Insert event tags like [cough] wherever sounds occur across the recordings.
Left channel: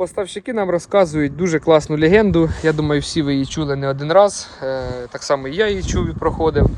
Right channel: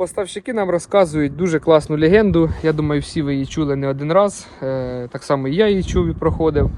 Поставщики нам розказують дуже класну легенду. Я думаю, всі ви її чули не один раз. Е, Так само і я її чув і проходив.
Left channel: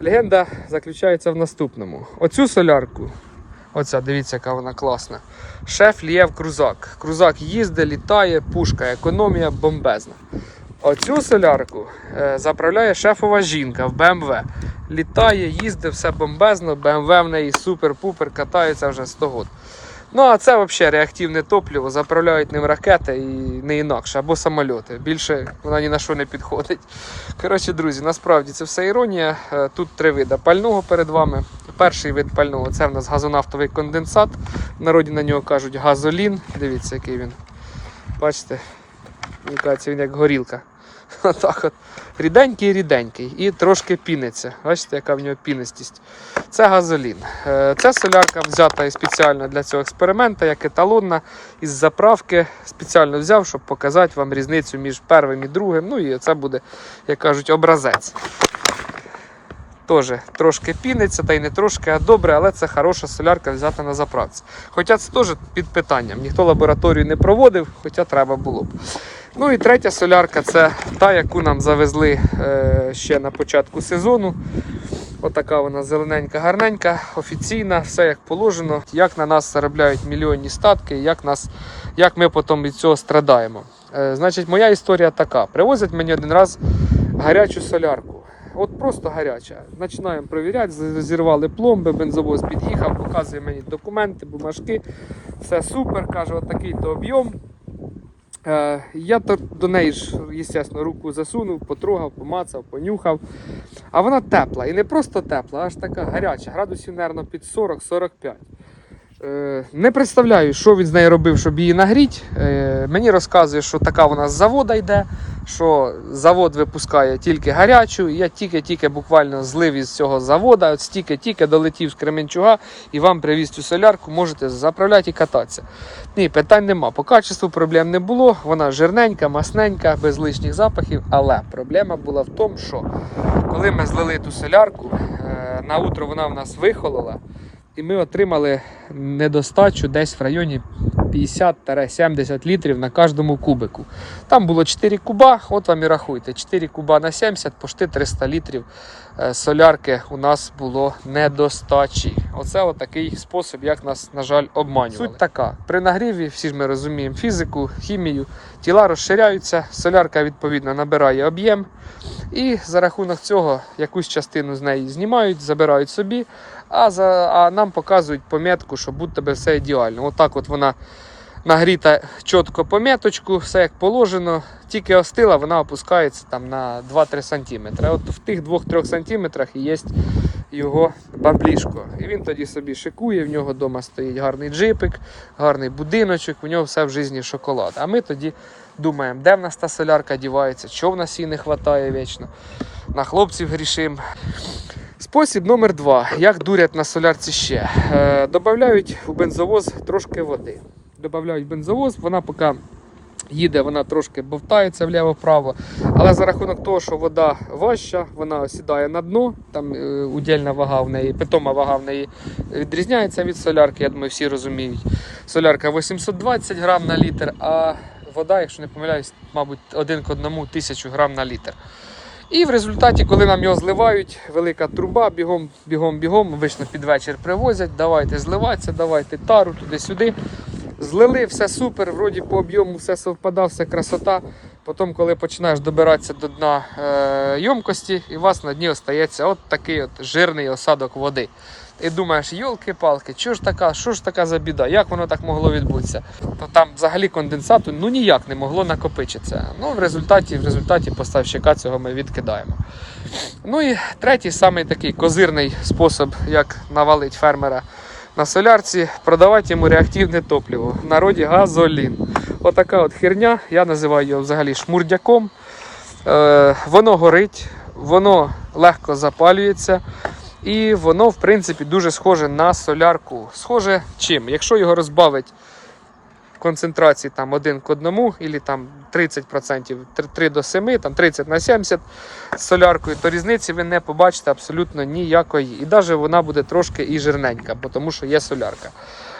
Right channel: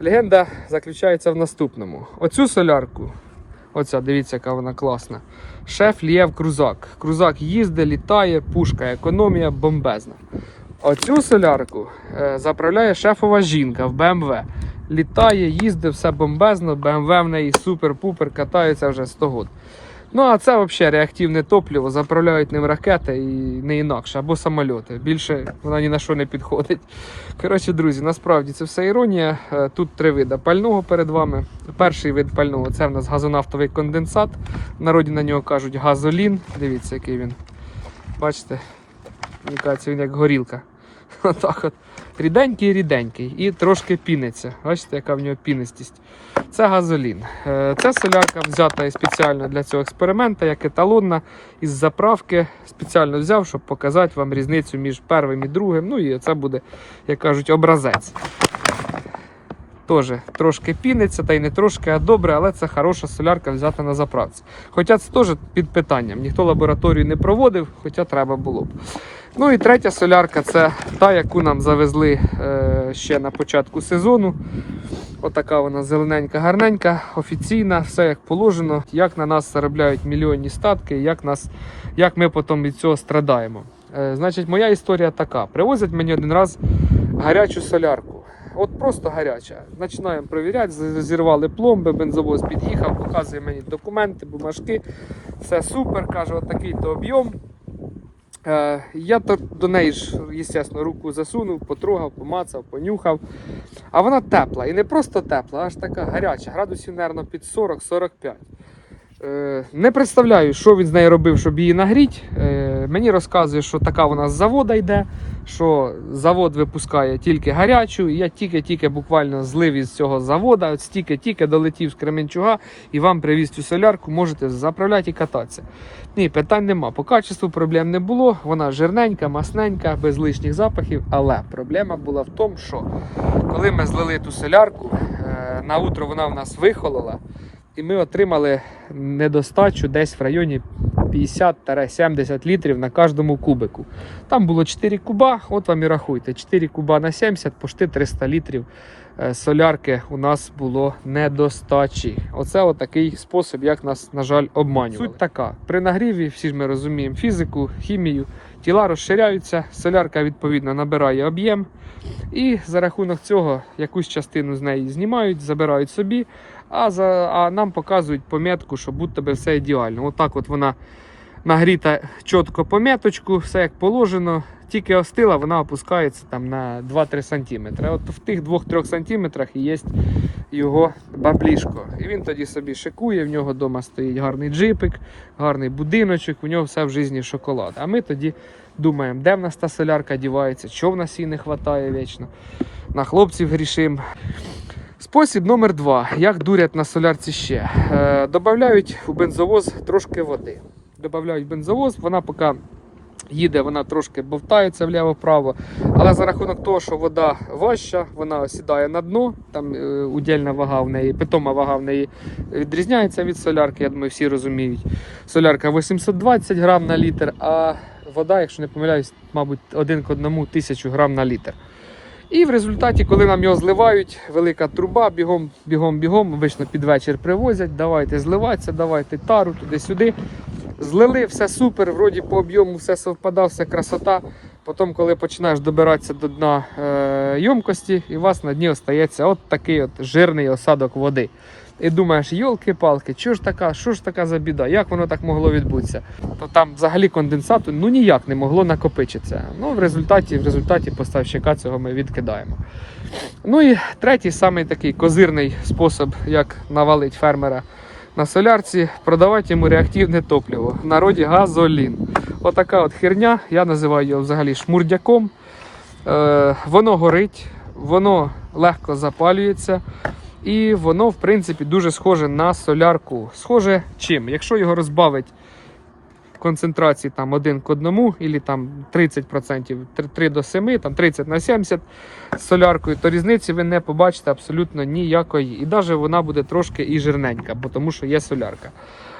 Легенда заключається в наступному: оцю солярку, оця, дивіться, яка вона класна. Шеф Лєв Крузак. Крузак їздить, літає, пушка, економія бомбезна. Оцю солярку е, заправляє шефова жінка в БМВ. Літає, їздить, все бомбезно, БМВ в неї супер-пупер, катається вже 100 років. Ну, а це взагалі реактивне топливо, заправляють ним ракети і не інакше, або самольоти. Більше вона ні на що не підходить. Коротше, друзі, насправді це все іронія. Е, Тут три види пального перед вами. Перший вид пального це в нас газонафтовий конденсат. В народі на нього кажуть газолін. Дивіться, який він. Бачите? Він як горілка. [laughs] Отак от. Ріденький, ріденький. І трошки піниться. Бачите, яка в нього пінистість. Це газолін. Е, Це солярка взята спеціально для цього експерименту, як еталонна із заправки. Спеціально взяв, щоб показати вам різницю між первим і другим. Ну і це буде, як кажуть, образець. Теж трошки піниться, та й не трошки, а добре, але це хороша солярка взята на заправці. Хоча це теж під питанням. Ніхто лабораторію не проводив, хоча треба було б. Ну і третя солярка це та, яку нам завезли е, ще на початку сезону. Отака вона зелененька, гарненька, офіційна, все як положено. Як на нас заробляють мільйонні статки, як, нас, як ми потім від цього страдаємо. Е, значить, моя історія така: привозять мені один раз гарячу солярку. От просто гаряча. Починаємо перевіряти, зірвали пломби, бензовоз під'їхав, показує мені документи, бумажки. Все супер, каже, от такий то об'єм. Е, я до неї ж, звісно, руку засунув, потрогав, помацав, понюхав. А вона тепла. І не просто тепла, аж така гаряча, градусів, мабуть, під 40-45. Е, не представляю, що він з нею робив, щоб її нагріти. Мені розказує, що така вона з завода йде, що завод випускає тільки гарячу. І я тільки-тільки буквально злив із цього завода, от стільки-тільки долетів з Кременчуга і вам привіз цю солярку, можете заправляти і кататися. Ні, питань нема. По качеству проблем не було. Вона жирненька, масненька, без лишніх запахів. Але проблема була в тому, що коли ми злили ту солярку, е, на утро вона в нас вихолола, і ми отримали недостачу десь в районі 50-70 літрів на кожному кубику. Там було 4 куба, от вам і рахуйте, 4 куба на 70, пошти 300 літрів е, солярки у нас було недостачі. Оце отакий спосіб, як нас, на жаль, обманювали. Суть така: при нагріві, всі ж ми розуміємо фізику, хімію, тіла розширяються, солярка відповідно набирає об'єм. І за рахунок цього якусь частину з неї знімають, забирають собі, а, за, а нам показують пометку, що будь-то все ідеально. Отак от вона нагріта чітко поміточку, все як положено. Тільки остила, вона опускається там на 2-3 см. От в тих 2-3 см є його баблішко. І він тоді собі шикує, в нього вдома стоїть гарний джипик, гарний будиночок, у нього все в житті шоколад. А ми тоді думаємо, де в нас та солярка дівається, що в нас її не вистачає вічно. На хлопців грішим. Спосіб номер два. Як дурять на солярці ще. Е, Додають у бензовоз трошки води. Додають бензовоз, вона поки їде, вона трошки бовтається вліво-вправо. Але за рахунок того, що вода важча, вона осідає на дно, там е, удільна вага в неї, питома вага в неї відрізняється від солярки, я думаю, всі розуміють. Солярка 820 грам на літр, а вода, якщо не помиляюсь, мабуть, один к одному тисячу грам на літр. І в результаті, коли нам його зливають, велика труба, бігом, бігом, бігом, обично під вечір привозять, давайте зливатися, давайте тару туди-сюди. Злили, все супер, вроді по об'єму все совпадає, все красота. Потім, коли починаєш добиратися до дна е, ємкості, і у вас на дні остається от такий от жирний осадок води. І думаєш, йолки-палки, що ж така, що ж така за біда? Як воно так могло відбутися? То там взагалі конденсату ну ніяк не могло накопичитися. Ну, в результаті, в результаті поставщика цього ми відкидаємо. Ну і третій, самий такий козирний спосіб, як навалити фермера на солярці, продавати йому реактивне топливо. В народі газолін. Отака от херня, я називаю його взагалі шмурдяком. Е, воно горить, воно легко запалюється. І воно, в принципі, дуже схоже на солярку. Схоже чим? Якщо його розбавить концентрації там 1 к 1, або там 30%, 3 до 7, там 30 на 70 з соляркою, то різниці ви не побачите абсолютно ніякої. І навіть вона буде трошки і жирненька, бо тому що є солярка.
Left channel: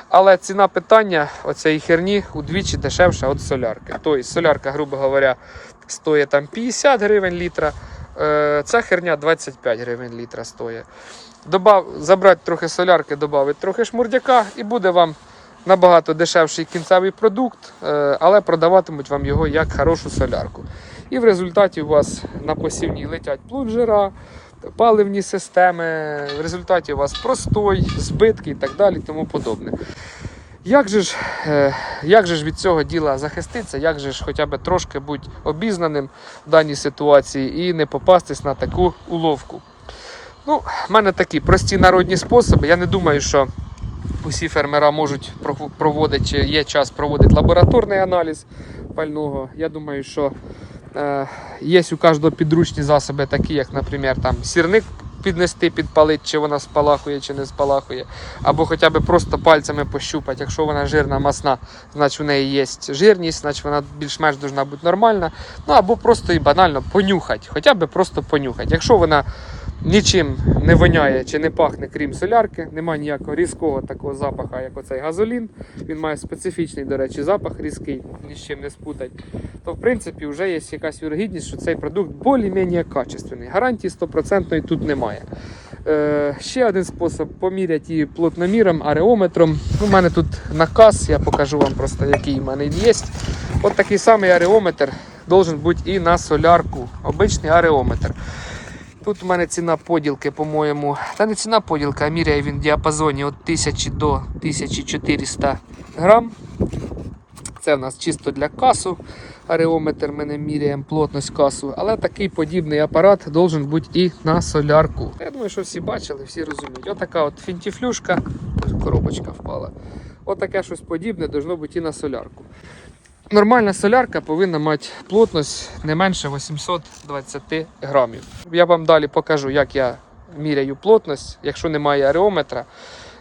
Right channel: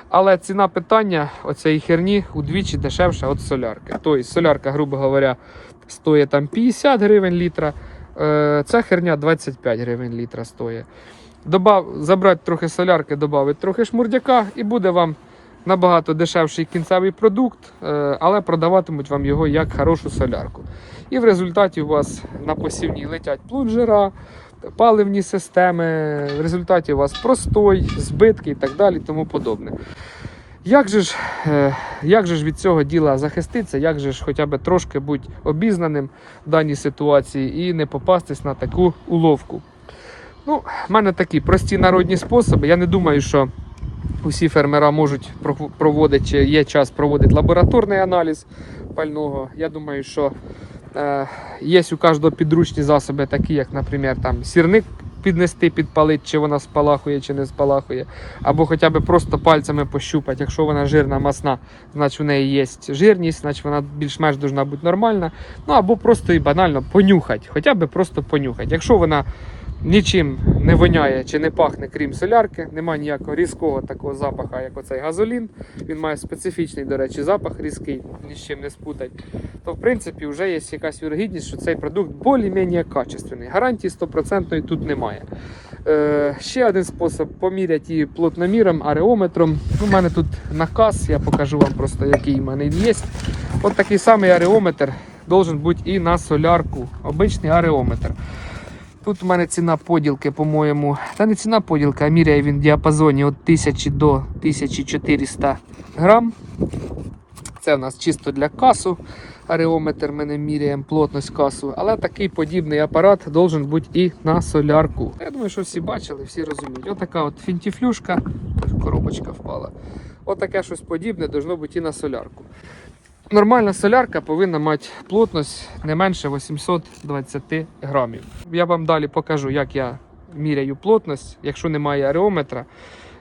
Але ціна питання оцеї херні удвічі дешевша від солярки. Тобто солярка, грубо говоря, стоїть там 50 гривень літра. Е, Ця херня 25 гривень літра стоїть. Добав, забрати трохи солярки, додати трохи шмурдяка, і буде вам набагато дешевший кінцевий продукт, е, але продаватимуть вам його як хорошу солярку. І в результаті у вас на посівній летять плунжера, паливні системи, в результаті у вас простой, збитки і так далі, тому подобне. Як же, ж, е, як же ж від цього діла захиститися, як же ж хоча б трошки бути обізнаним в даній ситуації і не попастись на таку уловку? Ну, в мене такі прості народні способи. Я не думаю, що усі фермера можуть проводити, чи є час проводити лабораторний аналіз пального. Я думаю, що е, є у кожного підручні засоби, такі як, наприклад, там сірник піднести, підпалити, чи вона спалахує, чи не спалахує. Або хоча б просто пальцями пощупати. Якщо вона жирна, масна, значить в неї є жирність, значить вона більш-менш бути нормальна. Ну або просто і банально понюхати, хоча б просто понюхати. Якщо вона нічим не воняє чи не пахне, крім солярки, немає ніякого різкого такого запаху, як оцей газолін. Він має специфічний, до речі, запах різкий, ні з чим не спутать. То в принципі вже є якась вірогідність, що цей продукт більш-менш качественний. Гарантії 100% тут немає. Е, ще один спосіб поміряти її плотноміром, ареометром. У мене тут наказ, я покажу вам просто, який в мене є. От такий самий ареометр должен бути і на солярку. Обичний ареометр. Тут у мене ціна поділки, по-моєму, та не ціна поділки, а міряє він в діапазоні від 1000 до 1400 грам. Це в нас чисто для касу. Ареометр ми не міряємо плотність касу, але такий подібний апарат должен бути і на солярку. Я думаю, що всі бачили, всі розуміють. Отака от фінтіфлюшка, коробочка впала. Отаке щось подібне должно бути і на солярку. Нормальна солярка повинна мати плотність не менше 820 грамів. Я вам далі покажу, як я міряю плотність, якщо немає ареометра.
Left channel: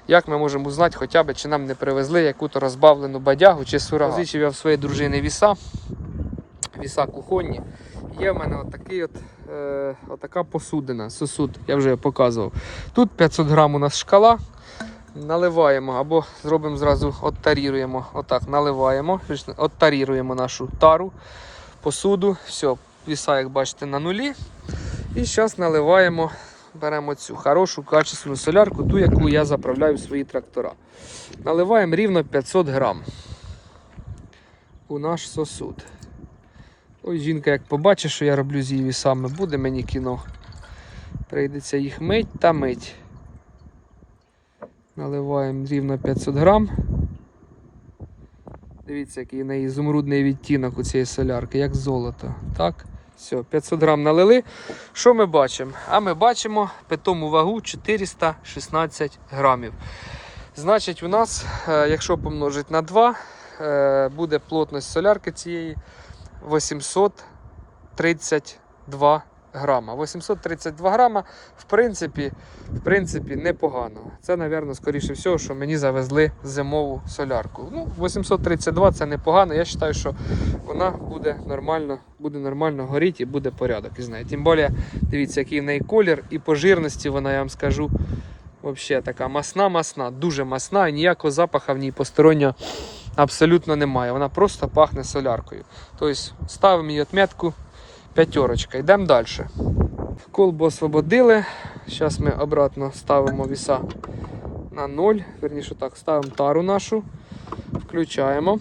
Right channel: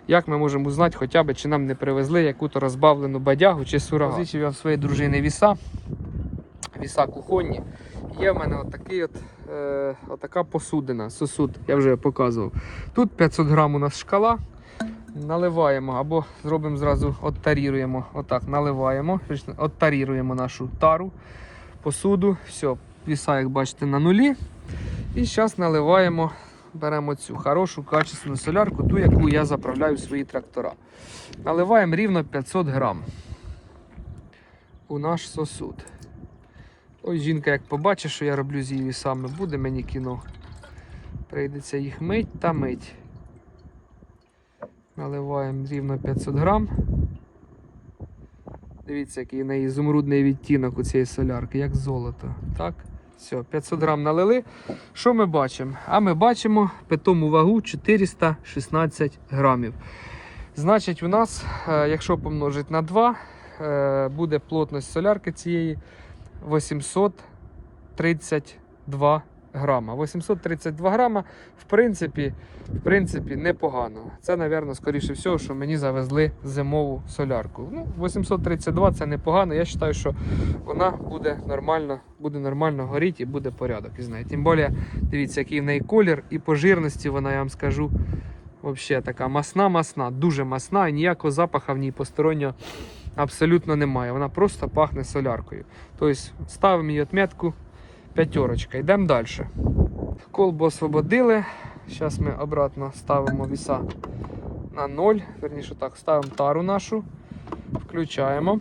Як ми можемо узнати, хоча б, чи нам не привезли яку-то розбавлену бадягу чи сурагат. Позичив я в своєї дружини віса, віса кухонні. Є в мене отакий от, е, отака посудина, сосуд, я вже показував. Тут 500 грам у нас шкала. Наливаємо або зробимо зразу оттаріруємо. Отак, наливаємо, оттаріруємо нашу тару, посуду. Все, віса, як бачите, на нулі. І зараз наливаємо, беремо цю хорошу качественну солярку, ту, яку я заправляю в свої трактора. Наливаємо рівно 500 грам у наш сосуд. Ось жінка, як побачить, що я роблю з її вісами, буде мені кіно. Прийдеться їх мить та мить. Наливаємо рівно 500 грам. Дивіться, який неї ізумрудний відтінок у цієї солярки, як золото. Так, все, 500 грам налили. Що ми бачимо? А ми бачимо питому вагу 416 грамів. Значить, у нас, е, якщо помножити на 2, е, буде плотність солярки цієї 832 грама. 832 грама, в принципі, в принципі, непогано. Це, напевно, скоріше всього, що мені завезли зимову солярку. Ну, 832 це непогано. Я вважаю, що вона буде нормально, буде нормально горіти і буде порядок із нею. Тим більше, дивіться, який в неї колір і по жирності вона, я вам скажу, взагалі така масна-масна, дуже масна, і ніякого запаху в ній постороннього абсолютно немає. Вона просто пахне соляркою. Тобто ставимо її отметку п'ятерочка. Йдемо далі. Колбу освободили. Зараз ми обратно ставимо віса на 0. Верніше так, ставимо тару нашу, включаємо.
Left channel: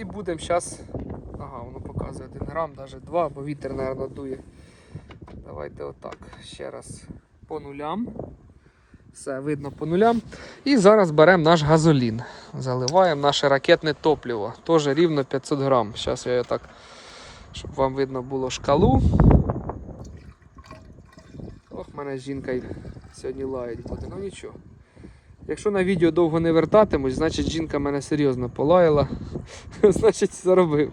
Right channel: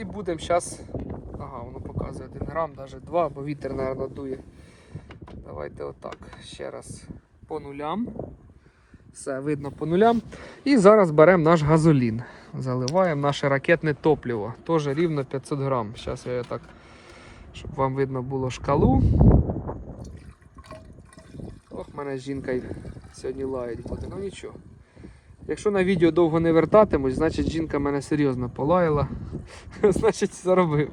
І будемо зараз. Ага, воно показує 1 грам, навіть 2, бо вітер, мабуть, дує. Давайте отак. Ще раз по нулям. Все видно по нулям. І зараз беремо наш газолін. Заливаємо наше ракетне топливо. Теж рівно 500 грам. Зараз я так, щоб вам видно було шкалу. Ох, мене жінка сьогодні лаять буде, ну нічого. Якщо на відео довго не вертатимусь, значить жінка мене серйозно полаяла. [laughs] значить заробив.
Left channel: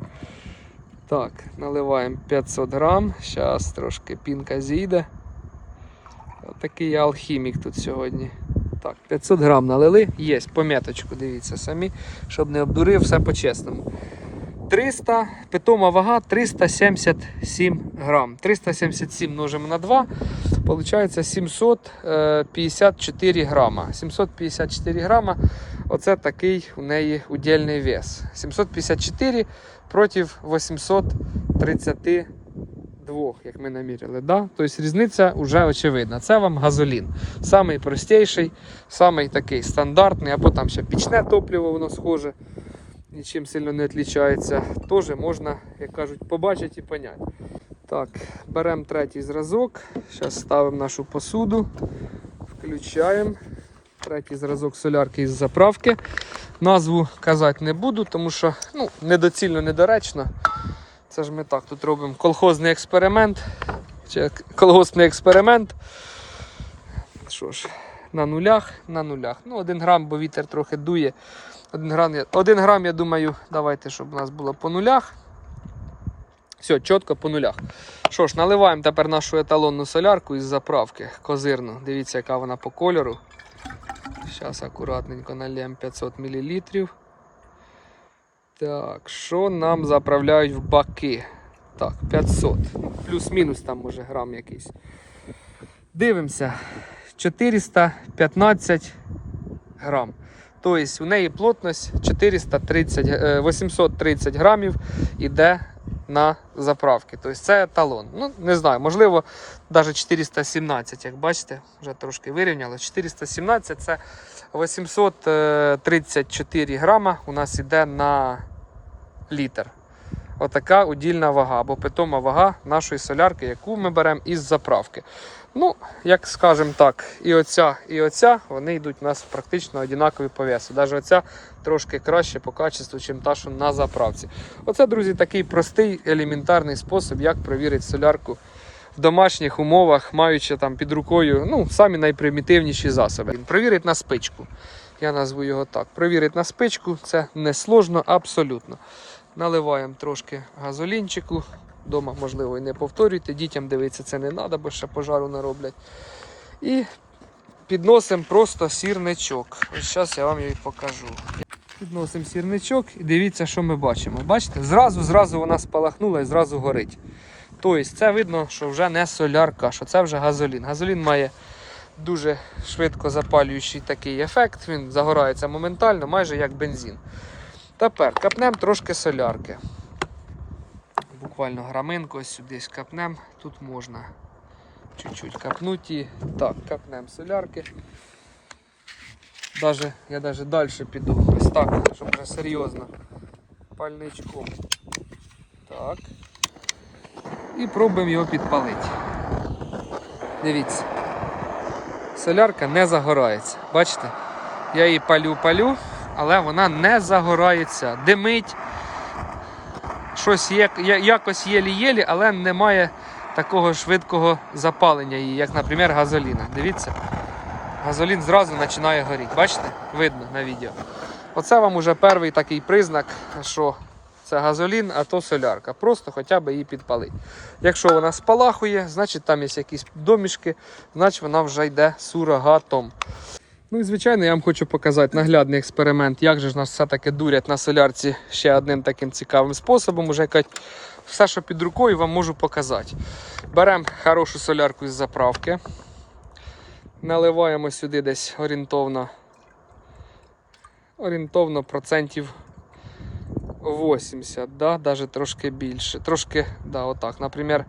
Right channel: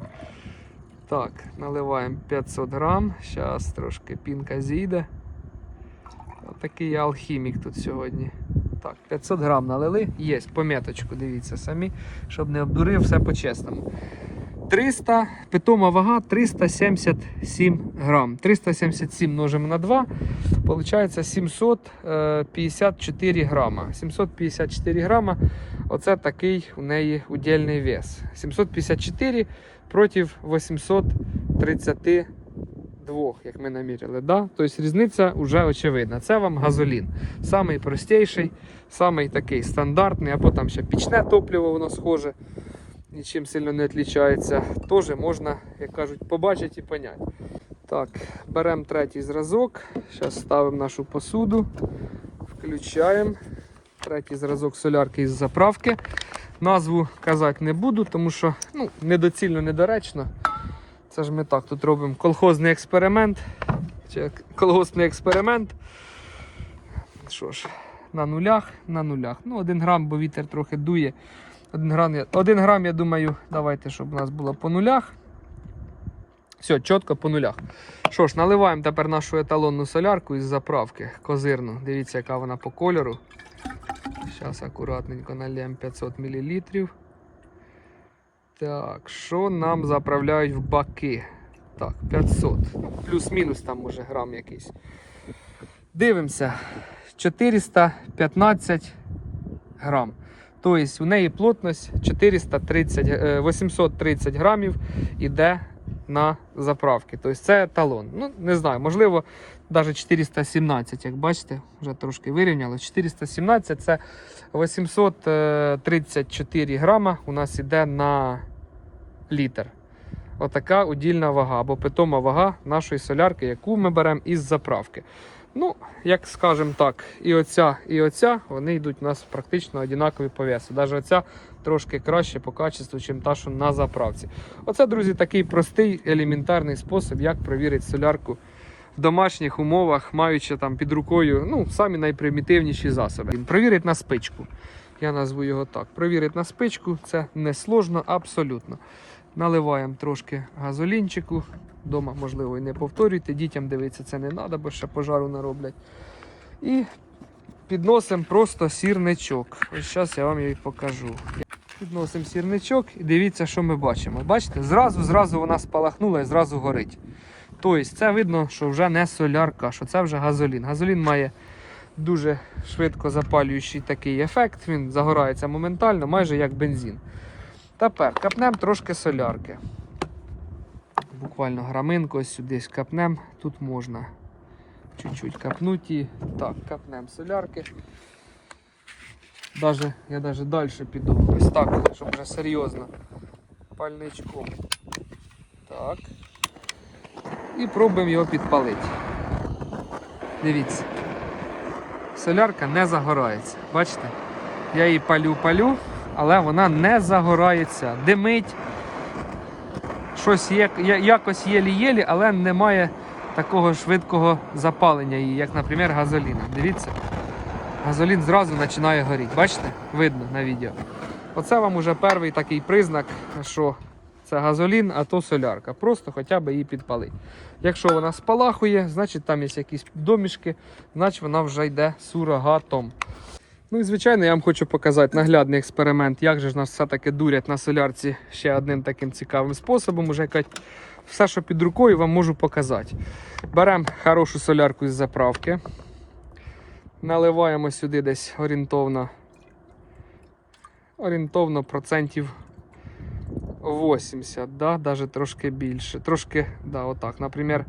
Так, наливаємо 500 грам. Зараз трошки пінка зійде. Отакий я алхімік тут сьогодні. Так, 500 грам налили. Є, пом'яточку, дивіться самі, щоб не обдурив, все по-чесному. 300, питома вага 377 грам. 377 множимо на 2. Получається 754 грама. 754 грама оце такий у неї удільний вес. 754 проти 832, як ми наміряли. Да? Тобто різниця вже очевидна. Це вам газолін. Самий простіший, самий такий стандартний, або там ще пічне топливо, воно схоже, нічим сильно не відрізняється. Теж можна, як кажуть, побачити і поняти. Так, беремо третій зразок. Зараз ставимо нашу посуду, включаємо. Третій зразок солярки із заправки. Назву казати не буду, тому що ну, недоцільно, недоречно. Це ж ми так тут робимо колхозний експеримент. Чи колгоспний експеримент. Що ж, на нулях, на нулях. Ну, один грам, бо вітер трохи дує. Один грам, один грам, я думаю, давайте, щоб у нас було по нулях. Все, чітко по нулях. Що ж, наливаємо тепер нашу еталонну солярку із заправки козирну. Дивіться, яка вона по кольору. Зараз акуратненько налємо 500 мл. Так, що нам заправляють в баки? Так, 500. Ну, плюс-мінус там може грам якийсь. Дивимося. 415 грам. Тобто у неї плотність 430, е, 830 грамів іде на заправки. Тобто це еталон. Ну, не знаю, можливо, навіть 417, як бачите, вже трошки вирівняли. 417 це 834 грама у нас іде на літр. Отака удільна вага або питома вага нашої солярки, яку ми беремо із заправки. Ну, як скажемо так, і оця, і оця, вони йдуть у нас практично однакові по. Навіть оця трошки краще по качеству, ніж та, що на заправці. Оце, друзі, такий простий елементарний спосіб, як провірити солярку в домашніх умовах, маючи там під рукою ну, самі найпримітивніші засоби. Провірить на спичку. Я назву його так. Провірить на спичку, це не сложно абсолютно. Наливаємо трошки газолінчику. Дома, можливо, і не повторюйте. Дітям дивитися це не треба, бо ще пожару нароблять. І підносимо просто сірничок. Ось зараз я вам і покажу. Підносимо сірничок і дивіться, що ми бачимо. Бачите, зразу зразу вона спалахнула і зразу горить. Тобто це видно, що вже не солярка, що це вже газолін. Газолін має дуже швидко запалюючий такий ефект, він загорається моментально, майже як бензин. Тепер капнемо трошки солярки. Буквально граминку сюди капнемо, тут можна чуть-чуть капнути. Так, капнемо солярки. Даже, я навіть далі піду. Ось так, щоб вже серйозно. Пальничком. Так. І пробуємо його підпалити. Дивіться. Солярка не загорається. Бачите? Я її палю-палю, але вона не загорається. Димить. Щось є, якось єлі-єлі, але немає такого швидкого запалення її, як, наприклад, газоліна. Дивіться. Газолін зразу починає горіти. Бачите? Видно на відео. Оце вам уже перший такий признак, що це газолін, а то солярка. Просто хоча б її підпалити. Якщо вона спалахує, значить там є якісь домішки, значить вона вже йде сурогатом. Ну і звичайно, я вам хочу показати наглядний експеримент, як же ж нас все-таки дурять на солярці ще одним таким цікавим способом. Уже кажуть, все, що під рукою, вам можу показати. Беремо хорошу солярку із заправки. Наливаємо сюди десь орієнтовно, орієнтовно процентів 80, да? навіть трошки більше. Трошки, да, отак. Наприклад,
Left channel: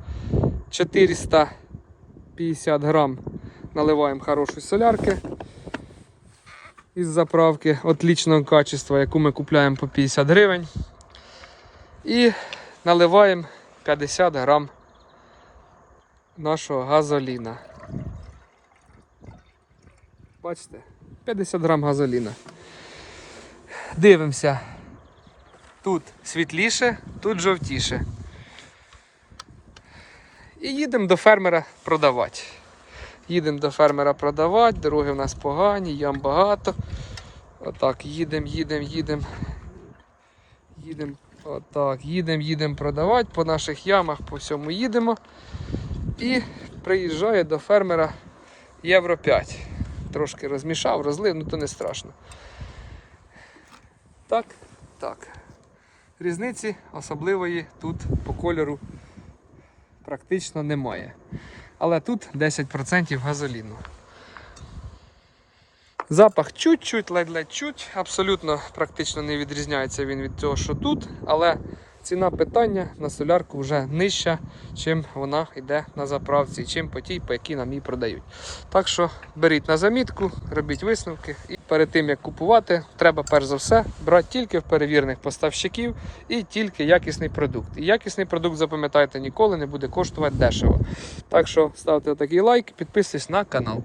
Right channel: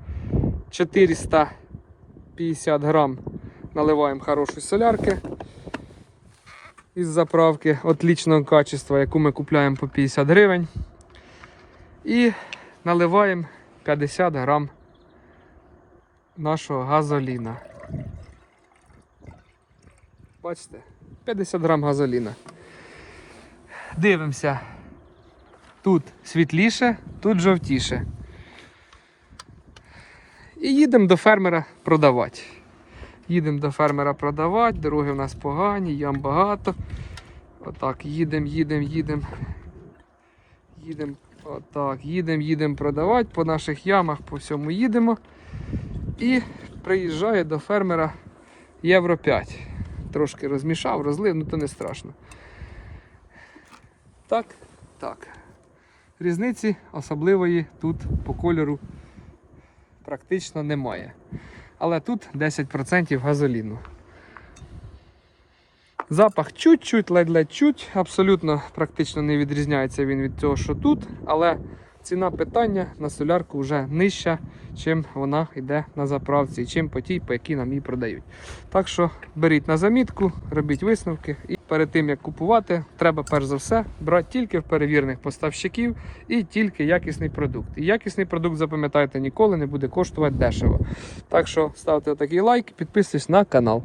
450 грам наливаємо хорошої солярки із заправки отличного качества, яку ми купляємо по 50 гривень. І наливаємо 50 грам нашого газоліна. Бачите? 50 грам газоліна. Дивимося. Тут світліше, тут жовтіше. І їдемо до фермера продавати. Їдемо до фермера продавати, дороги в нас погані, ям багато. Отак, їдемо, їдемо, їдемо. Їдемо, отак, їдемо, їдемо продавати по наших ямах, по всьому їдемо. І приїжджає до фермера Євро 5. Трошки розмішав, розлив, ну то не страшно. Так, так. Різниці особливої тут по кольору практично немає. Але тут 10% газоліну. Запах чуть-чуть, ледь-ледь чуть, абсолютно практично не відрізняється він від того, що тут, але ціна питання на солярку вже нижча, чим вона йде на заправці, чим по тій, по якій нам її продають. Так що беріть на замітку, робіть висновки. І перед тим як купувати, треба перш за все брати тільки в перевірених поставщиків і тільки якісний продукт. І якісний продукт, запам'ятайте, ніколи не буде коштувати дешево. Так що ставте такий лайк, підписуйтесь на канал.